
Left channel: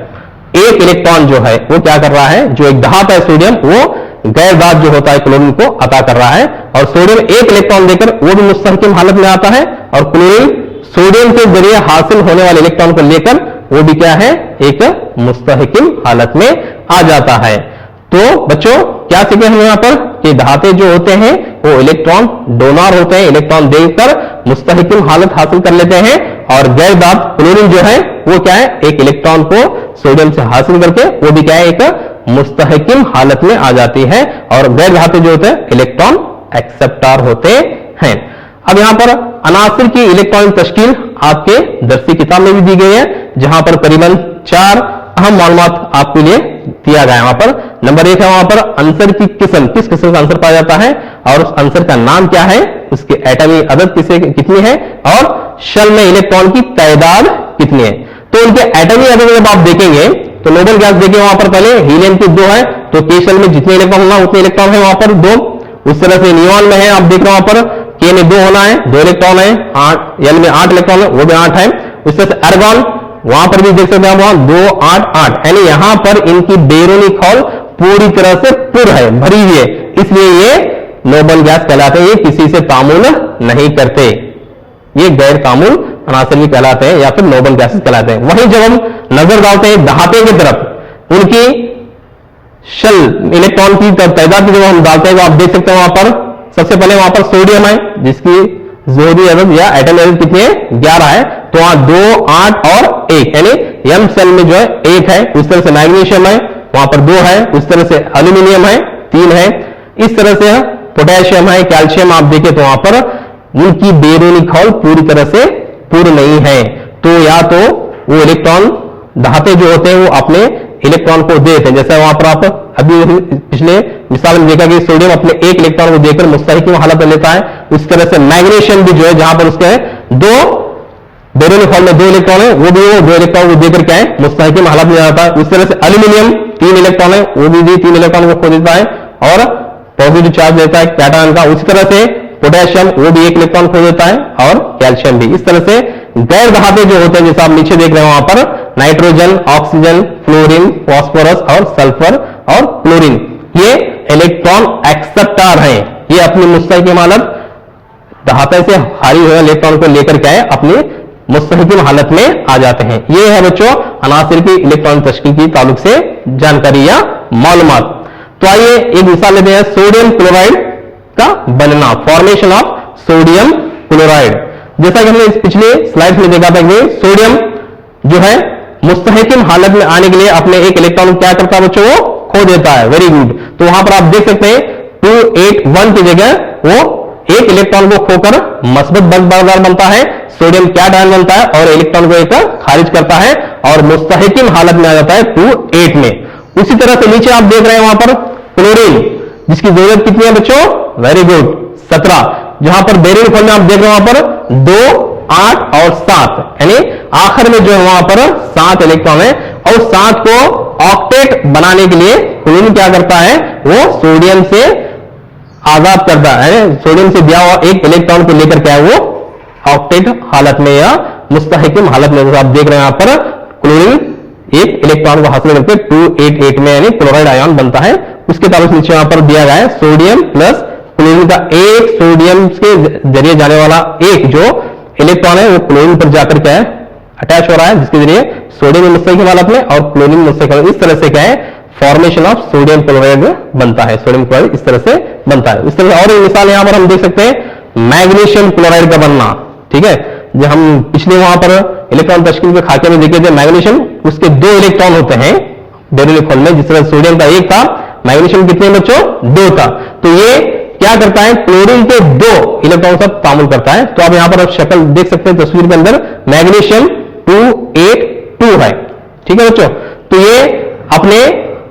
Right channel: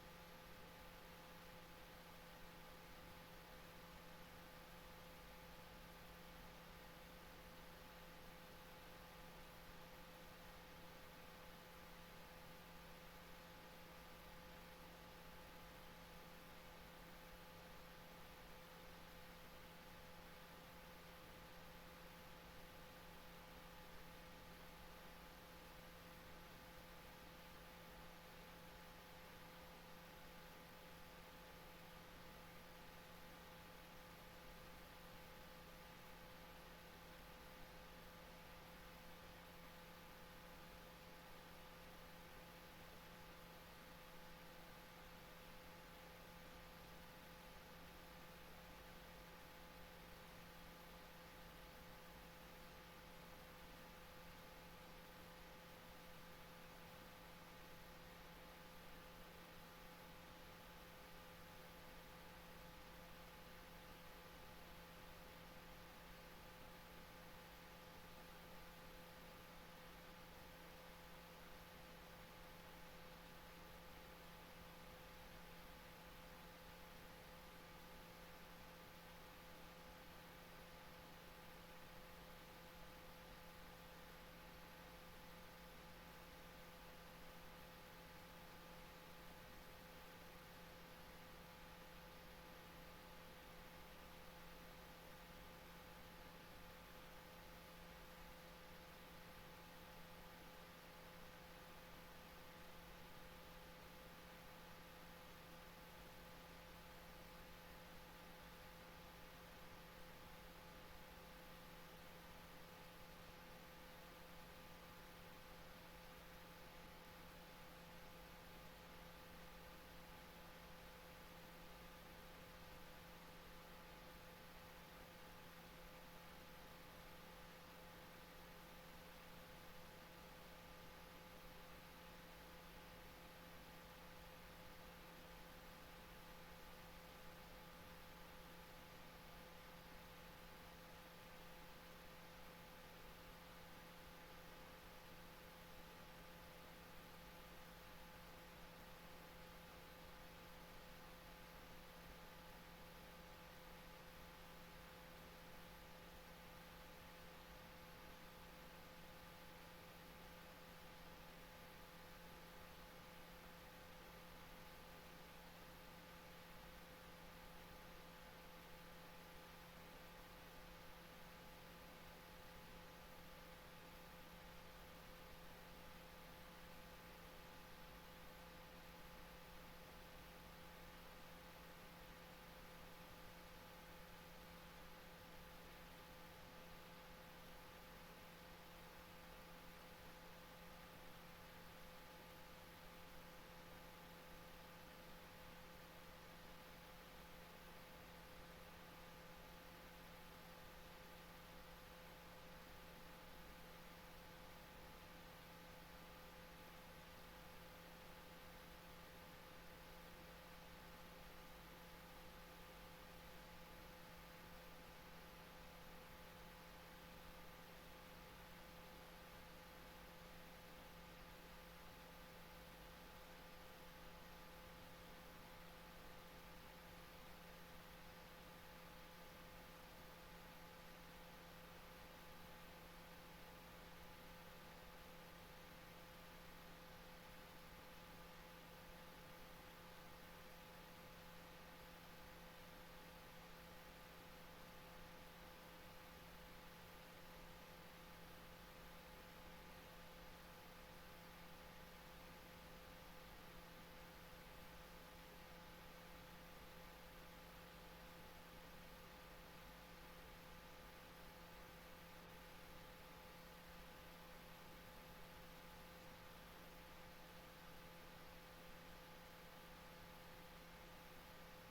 एक इलेक्ट्रॉन जो है वो क्या कर रहा है, जो एक धातु है सोडियम वो गैर धातु जो होता है क्लोरीन को अता कर रहा है और सोडियम एक इलेक्ट्रॉन देकर वो भी मुस्तहकिम हालत में आता है और क्लोरीन सोडियम के जरिए हासिल होने वाले इलेक्ट्रॉन को लेकर वो भी क्या है, एक मुस्तहकिम हालत में आ जाता है। तो बच्चों क्या सीखे हम यहां पर कि धातु जो होते हैं वो इलेक्ट्रॉन डोनर होते हैं, इलेक्ट्रॉन देकर मुस्तहकिम हालत हासिल कर लेते हैं और गैर धातु क्लोरीन जो है वो क्या है, एक इलेक्ट्रॉन को सोडियम से हासिल करके वो भी क्या है, एक मुस्तहकिम हालत में आ जाती है और गैर धातु जो होते हैं इलेक्ट्रॉन एक्सेप्टर होते हैं। अब यहां पर अनासिर की इलेक्ट्रॉनिक तश्कील आपके दरसी किताब में भी दी गई है, जहां पर करीबन 4 अहम मालूमात आपके लिए दिया गया है। वहां पर नंबर 1 है वहां पर आंसर की किस्म, किस किस्म का आंसर पाया जाता है और उस आंसर का नाम क्या है, उसकी एटमी अदद कितनी है और शेल में इलेक्ट्रॉन की तादाद कितनी है। तो उनके एटमी अदद जब आप देखेंगे तो नोबल गैस देखिए वहां पर पहले हीलियम की 2 है, तो के शेल में जितने इलेक्ट्रॉन होना उतने इलेक्ट्रॉन है वहां पर 2। उस तरह से नियॉन में है, आप देख रहे हो वहां पर के में 2 होना है, 2 इलेक्ट्रॉन है, 8 एल में 8 इलेक्ट्रॉन है, वो भी 8 है। उस तरह से आर्गन वहां पर भी देख सकते हैं वहां 2, 8, 8, यानी यहां पर इनकी बेरोनिक हॉल पूरी तरह से पुर है, भरी हुई है, इसलिए ये नोबल गैस कहलाते हैं। ये किसी से तामुल नहीं करते, ये गैर तामुल अनासिर भी कहलाते हैं या फिर नोबल गैसेस कहलाते हैं। वहीं जब हम नजर डालते हैं धातु की तरफ, उनकी शेल इलेक्ट्रॉन की तादाद की जब हम डालते हैं तो आप देख सकते हैं वहां पर सबसे पहले वहां पर सोडियम है जिसकी जोहरी अदद या एटम अदद कितनी है, 11 है। तो वहां 2, 8 और 1 यानी एम सेल में जो है 1 है। उस तरह से मैग्नीशियम है वहां पर 2 है। उस तरह से एल्यूमिनियम है 3 है। इस तरह से पोटेशियम है, कैल्शियम आप देखें तो वहां पर उनकी बेरोनिक हॉल पूरी तरह से पूर्ण नहीं है। तो या तो वो इलेक्ट्रॉन धातु जो होते हैं वो अपने इलेक्ट्रॉन को दे देते हैं, जैसे वहां पर आप अभी पिछले मिसाल में देखा कि सोडियम अपने एक इलेक्ट्रॉन को देकर मुस्तहकिम हालत में लेता है। उस तरह से मैग्नीशियम भी जो है जहां पर उसके 2 बेरोनिक हॉल में 2 इलेक्ट्रॉन है, वो भी वो 2 इलेक्ट्रॉन को देकर क्या है, मुस्तहकिम हालत में जाता है। उस तरह से एल्यूमिनियम 3 इलेक्ट्रॉन है, वो भी 3 इलेक्ट्रॉन को खो देता है और पॉजिटिव चार्ज देता है कैटायन का। उसी तरह से पोटेशियम वो भी 1 इलेक्ट्रॉन खो देता है और कैल्शियम भी। इस तरह से गैर धातु जो होते हैं जैसे आप नीचे देख रहे हैं वहां पर नाइट्रोजन, ऑक्सीजन, फ्लोरीन, फास्फोरस और सल्फर और क्लोरीन, ये इलेक्ट्रॉन एक्सेप्टर हैं। ये अपनी मुस्तहकिम हालत धातु से खाली हुए इलेक्ट्रॉन को लेकर क्या है, अपनी मुस्तहकिम हालत में आ जाते हैं। ये है बच्चों अनासिर की इलेक्ट्रॉनिक तश्कील की ताल्लुक से जानकारी या मालूमात। तो आइए एक मिसाल लेते हैं सोडियम क्लोराइड का बनना, फॉर्मेशन ऑफ सोडियम क्लोराइड। जैसा कि हमने इस पिछले स्लाइड में देखा था कि सोडियम जो है मुस्तहकिम हालत में आने के लिए अपने एक इलेक्ट्रॉन क्या करता है बच्चों, वो खो देता है। Very good. तो वहां पर आप देख सकते हैं 281 की जगह वो एक इलेक्ट्रॉन को खोकर मस्बत बरदार बनता है, सोडियम कैटायन बनता है और इलेक्ट्रॉन को एक खारिज करता है और मुस्तहकिम हालत में आ जाता है 28 में। उसी तरह से नीचे आप देख रहे हैं वहां पर क्लोरीन जिसकी जरूरत कितनी है बच्चों, वेरी गुड 17, जहां पर बेरियम हॉल में आप देख रहे हैं वहां पर 2, 8 और 7, यानी आखिर में जो है वहां पर 7 इलेक्ट्रॉन है और 7 को ऑक्टेट बनाने के लिए क्लोरीन क्या करता है, वो सोडियम से आजाद करता है, सोडियम से दिया हुआ एक इलेक्ट्रॉन को लेकर क्या है वो ऑक्टेट हालत में या मुस्तहकिम हालत में। आप देख रहे हैं यहां पर क्लोरीन एक इलेक्ट्रॉन को हासिल करके 288 में यानी क्लोराइड आयन बनता है। उसके ताल्लुक नीचे यहां पर दिया गया है सोडियम प्लस क्लोरीन का एक सोडियम के जरिए जाने वाला एक जो इलेक्ट्रॉन है वो क्लोरीन पर जाकर क्या है अटैच हो रहा है, जिसके जरिए सोडियम मुस्तहकिम हालत में और क्लोरीन मुस्तहकिम। इस तरह से क्या है फॉर्मेशन ऑफ सोडियम क्लोराइड बनता है, सोडियम क्लोराइड इस तरह से बनता है। इस तरह से और एक मिसाल यहां पर हम देख सकते हैं मैग्नीशियम क्लोराइड का बनना। ठीक है, जो हम पिछले वहां पर इलेक्ट्रॉन तश्कील के खाके में देखे थे मैग्नीशियम, उसके 2 इलेक्ट्रॉन होते हैं बैरोनिक खोल में, जिस तरह सोडियम का 1 था, मैग्नीशियम कितने बच्चों 2 था। तो ये क्या करता है, क्लोरीन के 2 इलेक्ट्रॉन का तामुल करता है। तो आप यहां पर शक्ल देख सकते हैं तस्वीर के अंदर, मैग्नीशियम 282 है, ठीक है बच्चों। तो ये अपने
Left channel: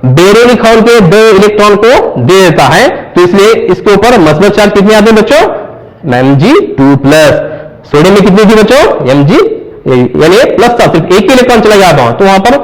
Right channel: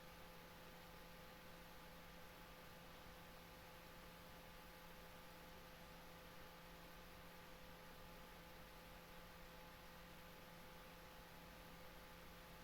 बैरोनिक खोल के 2 इलेक्ट्रॉन को दे देता है, तो इसलिए इसके ऊपर मस्बत चार्ज कितने आते हैं बच्चों, Mg2+। सोडियम में कितनी थी बच्चों, Mg, यानी प्लस था, सिर्फ एक ही इलेक्ट्रॉन चला गया था, तो वहां पर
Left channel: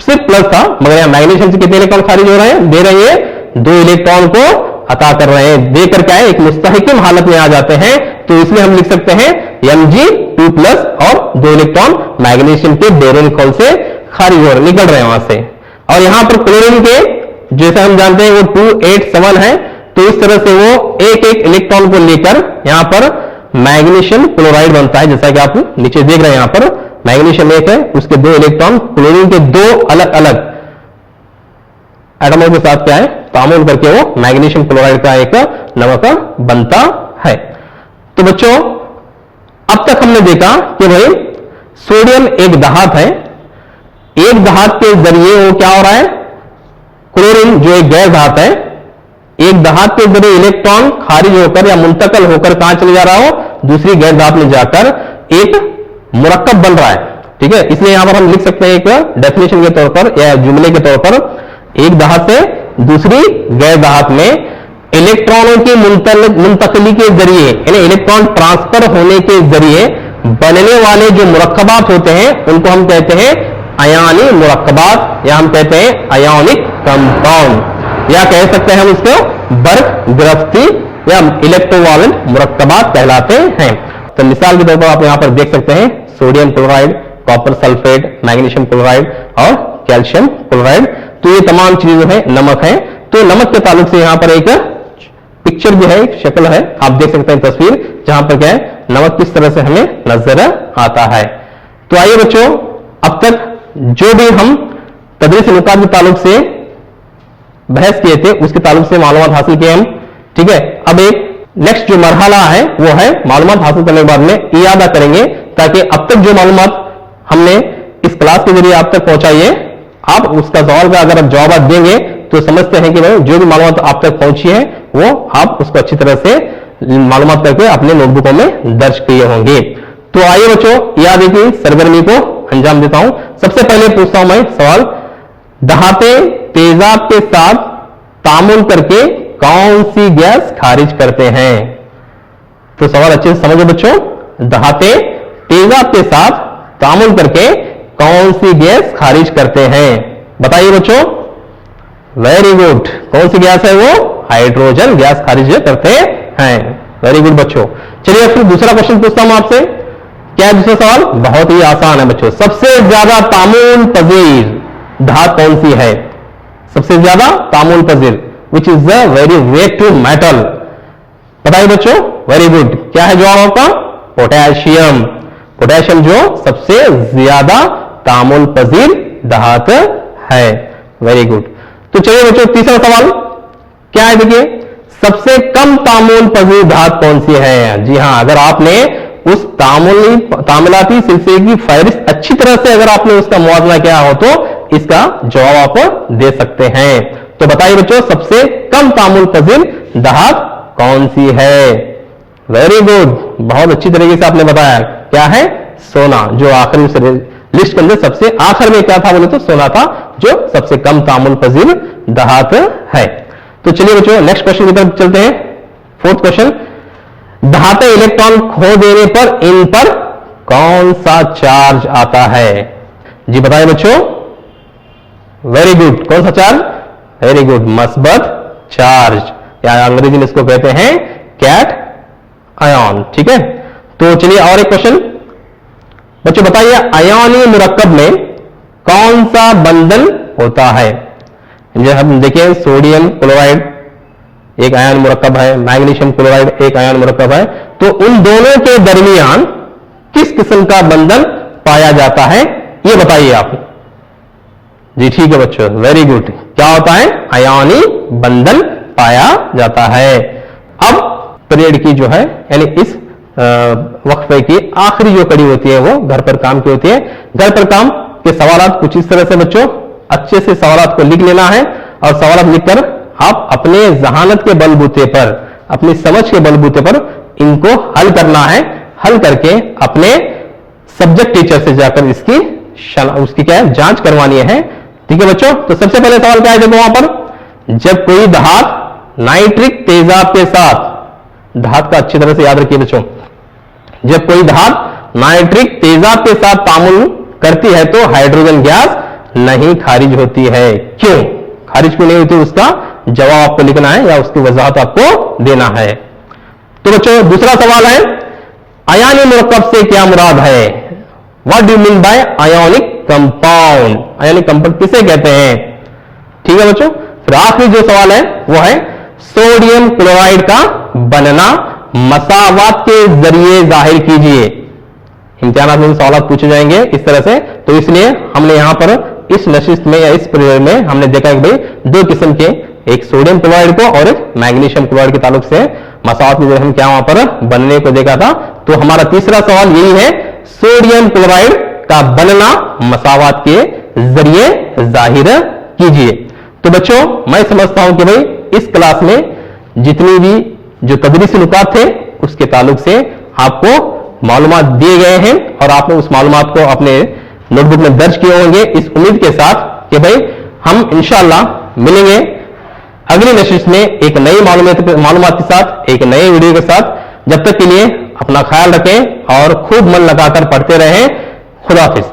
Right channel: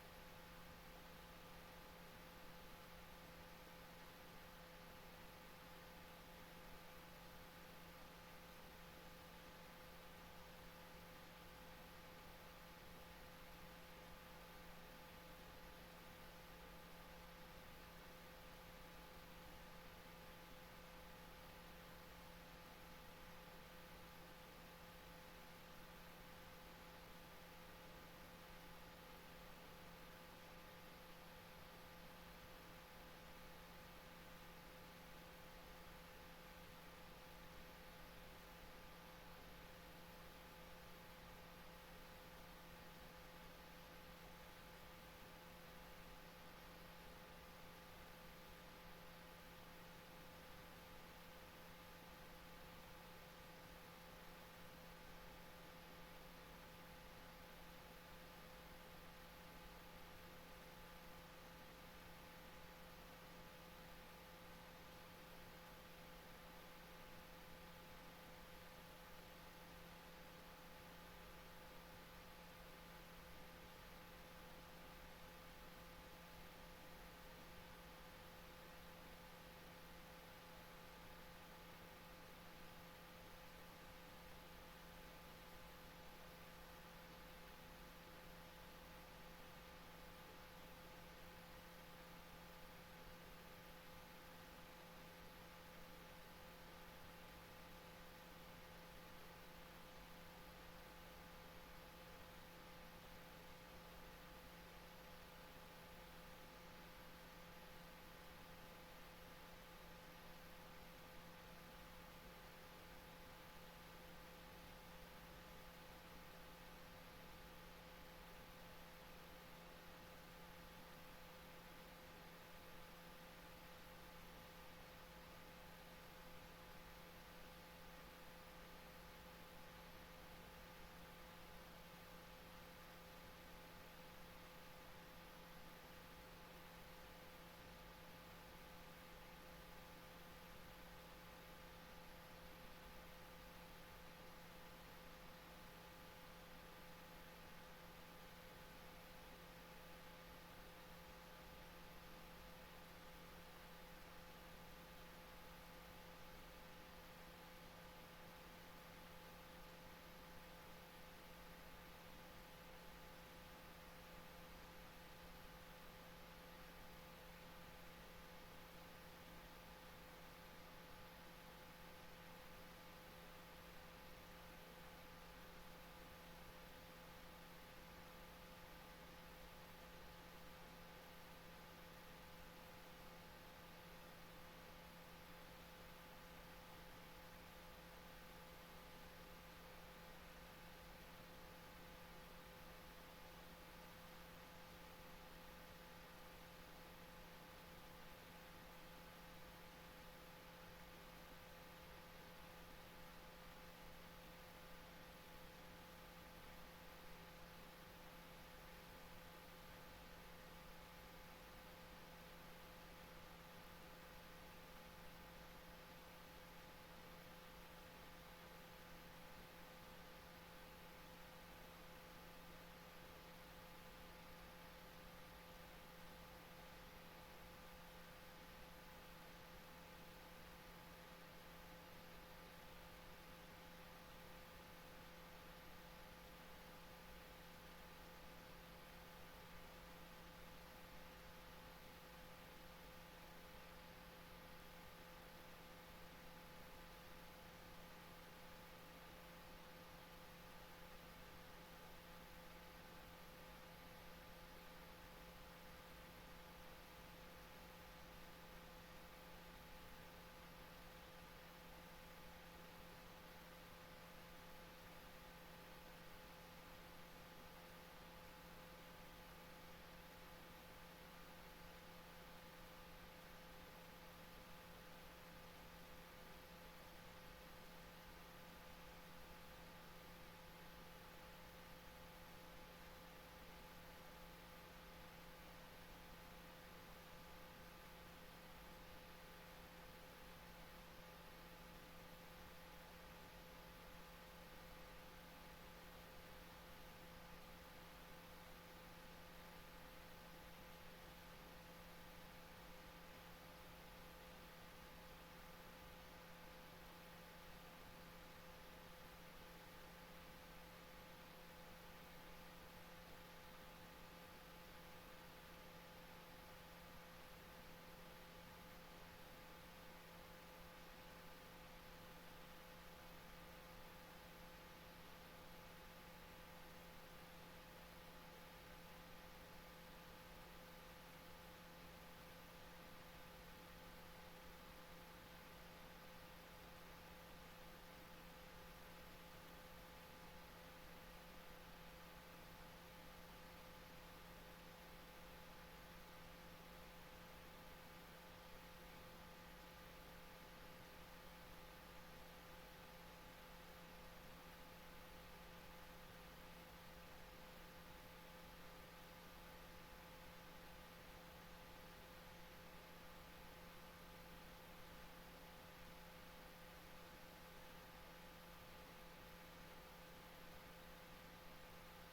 सिर्फ प्लस था, मगर यहां मैग्नीशियम से कितने इलेक्ट्रॉन खारिज हो रहे हैं, दे रहे हैं 2 इलेक्ट्रॉन को अता कर रहे हैं, देकर क्या है एक मुस्तहकिम हालत में आ जाते हैं। तो इसलिए हम लिख सकते हैं Mg2+ और 2 इलेक्ट्रॉन मैग्नीशियम के बैरोनिक खोल से खारिज हो निकल रहे हैं वहां से। और यहां पर क्लोरीन के जैसे हम जानते हैं वो 287 है, तो इस तरह से वो एक एक इलेक्ट्रॉन को लेकर यहां पर मैग्नीशियम क्लोराइड बनता है, जैसा कि आप नीचे देख रहे हैं। यहां पर मैग्नीशियम 1 है, उसके 2 इलेक्ट्रॉन क्लोरीन के 2 अलग अलग एटमों के साथ क्या है तामुल करके वो मैग्नीशियम क्लोराइड का एक नमक बनता है। तो बच्चों अब तक हमने देखा कि भाई सोडियम एक धात है, एक धात के जरिए वो क्या हो रहा है, क्लोरीन जो एक गैर धात है, एक धात के जरिए इलेक्ट्रॉन खारिज होकर या मुंतकल होकर कहां चले जा रहा हो, दूसरी गैर धात में जाकर एक मुरक्कब बन रहा है, ठीक है। इसलिए यहां पर हम लिख सकते हैं एक डेफिनेशन के तौर पर या जुमले के तौर पर, एक धात से दूसरी गैर धात में इलेक्ट्रॉनों की मुंतकली के जरिए यानी इलेक्ट्रॉन ट्रांसफर होने के जरिए बनने वाले जो मुरक्कबात होते हैं उनको हम कहते हैं अयानी मुरक्कबात, या हम कहते हैं अयोनिक कंपाउंड, या कह सकते हैं हम इसको बर्क गिरफ्ती या इलेक्ट्रोवालेंट मुरक्कबात कहलाते हैं। तो मिसाल के तौर पर आप यहां पर देख सकते हैं sodium chloride, copper sulphate, magnesium chloride और कैल्शियम क्लोराइड। तो ये तमाम चीजें जो है नमक है। तो नमक के ताल्लुक से यहां पर एक पिक्चर जो है, एक शक्ल है, आप देख सकते हैं तस्वीर, जहां पर क्या है नमक किस तरह से हमें नजर आता है। तो आइए बच्चों, अब तक जो भी हम तदरीस नुकात के ताल्लुक से बहस किए थे उसके ताल्लुक से मालूमात हासिल किए हम, ठीक है। अब एक नेक्स्ट जो मरहला है वो है मालूमात हासिल करने के बाद में इयादा करेंगे, ताकि अब तक जो मालूमात हमने इस क्लास के जरिए आप तक पहुंचाई है, आप उसका सवाल का अगर आप जवाब देंगे तो समझते हैं कि भाई जो भी मालूमात आप तक पहुंची है वो आप उसको अच्छी तरह से मालूमात करके अपने नोटबुकों में दर्ज किए होंगे। तो आइए बच्चों याद की सरगर्मी को अंजाम देता हूं। सबसे पहले पूछता हूं मैं सवाल, धाते तेजाब के साथ तामुल करके कौन सी गैस खारिज करते हैं? तो सवाल अच्छे से समझो बच्चों, धाते तेजाब के साथ तामुल करके कौन सी गैस खारिज करते हैं? बताइए बच्चों। वेरी गुड, कौन सी गैस है वो? हाइड्रोजन गैस खारिज करते हैं। वेरी गुड बच्चों। चलिए फिर दूसरा क्वेश्चन पूछता हूं आपसे। क्या है दूसरा सवाल? बहुत ही आसान है बच्चों। सबसे ज्यादा तामुल पजीर धात कौन सी है? सबसे ज्यादा तामुल पजीर, which is the very wet to metal. बताइए बच्चों। वेरी गुड, क्या है जवाब आपका? पोटेशियम। पोटेशियम जो सबसे ज्यादा तामुल पजीर धात है। Very good. तो चलिए बच्चों तीसरा सवाल क्या है, देखिए सबसे कम तामुल पजीर धात कौन सी है? जी हां, अगर आपने उस तामुलाती सिलसिले की फहरिस्त अच्छी तरह से अगर आपने उसका मुआवजा किया हो तो इसका जवाब आप दे सकते हैं। तो बताइए बच्चों सबसे कम तामुल पजीर धात कौन सी है? वेरी गुड, बहुत अच्छी तरीके से आपने बताया। क्या है? सोना, जो आखिरी लिस्ट के अंदर सबसे आखिर में क्या था बोले तो सोना था, जो सबसे कम तामुल पजीर धात है। तो चलिए बच्चों नेक्स्ट क्वेश्चन की तरफ चलते हैं। फोर्थ क्वेश्चन, धाते इलेक्ट्रॉन खो देने पर इन पर कौन सा चार्ज आता है? जी बताइए बच्चों। वेरी गुड, कौन सा चार्ज? वेरी गुड, मस्बत चार्ज, या अंग्रेजी में इसको कहते हैं कैट आयन, ठीक है। तो चलिए और एक क्वेश्चन बच्चों, बताइए अयानी मुरक्कब में कौन सा बंधन होता है? जब हम देखें सोडियम क्लोराइड एक आयन मुरक्कब है, मैग्नीशियम क्लोराइड एक आयन मुरक्कब है, तो उन दोनों के दरमियान किस किस्म का बंधन पाया जाता है ये बताइए आप। जी ठीक है बच्चों, वेरी गुड, क्या होता है? अयानी बंधन पाया जाता है। अब पीरियड की जो है यानी इस वक्फे की आखिरी जो कड़ी होती है वो घर पर काम की होती है। घर पर काम के सवाल कुछ इस तरह से बच्चों, अच्छे से सवालात को लिख लेना है और सवालात लिखकर आप अपने जहानत के बलबूते पर, अपनी समझ के बलबूते पर इनको हल करना है। हल करके अपने सब्जेक्ट टीचर से जाकर उसकी क्या है, जांच करवानी है। ठीक है बच्चों, तो सबसे पहले सवाल क्या है, देखो वहां पर, जब कोई धात नाइट्रिक तेजाब के साथ, धात का अच्छी तरह से याद रखिए बच्चों, जब कोई धात नाइट्रिक तेजाब के साथ तामुल करती है तो हाइड्रोजन गैस नहीं खारिज होती है। क्यों खारिज क्यों नहीं होती, उसका जवाब आपको लिखना है या उसकी वजाहत आपको देना है। तो बच्चों दूसरा सवाल है, अयानी मुरक्कब से क्या मुराद है? What do you mean by ionic compound? Ionic compound किसे कहते हैं? ठीक है बच्चों, फिर आखिरी जो सवाल है वो है सोडियम क्लोराइड का बनना मसावात के जरिए जाहिर कीजिए। इम्तिहान में सवाल पूछे जाएंगे इस तरह से, तो इसलिए हमने यहां पर इस नशिस्त में या इस पीरियड में हमने देखा कि भाई दो किस्म के, एक सोडियम क्लोराइड को और एक मैग्नीशियम क्लोराइड के ताल्लुक से मसावात में हम क्या वहां पर बनने को देखा था। तो हमारा तीसरा सवाल यही है, सोडियम क्लोराइड का बनना मसावात के जरिए जाहिर कीजिए। तो बच्चों मैं समझता हूं कि भाई इस क्लास में जितनी भी जो तदरीसी नुकात थे उसके ताल्लुक से आपको मालूमात दिए गए हैं और आपने उस मालूमात को अपने नोटबुक में दर्ज किए होंगे, इस उम्मीद के साथ कि भाई हम इंशाअल्लाह मिलेंगे अगली नशिस्त में एक नई मालूमात के साथ, एक नए वीडियो के साथ। जब तक के लिए अपना ख्याल रखें और खूब मन लगाकर पढ़ते रहें। खुदा हाफिज।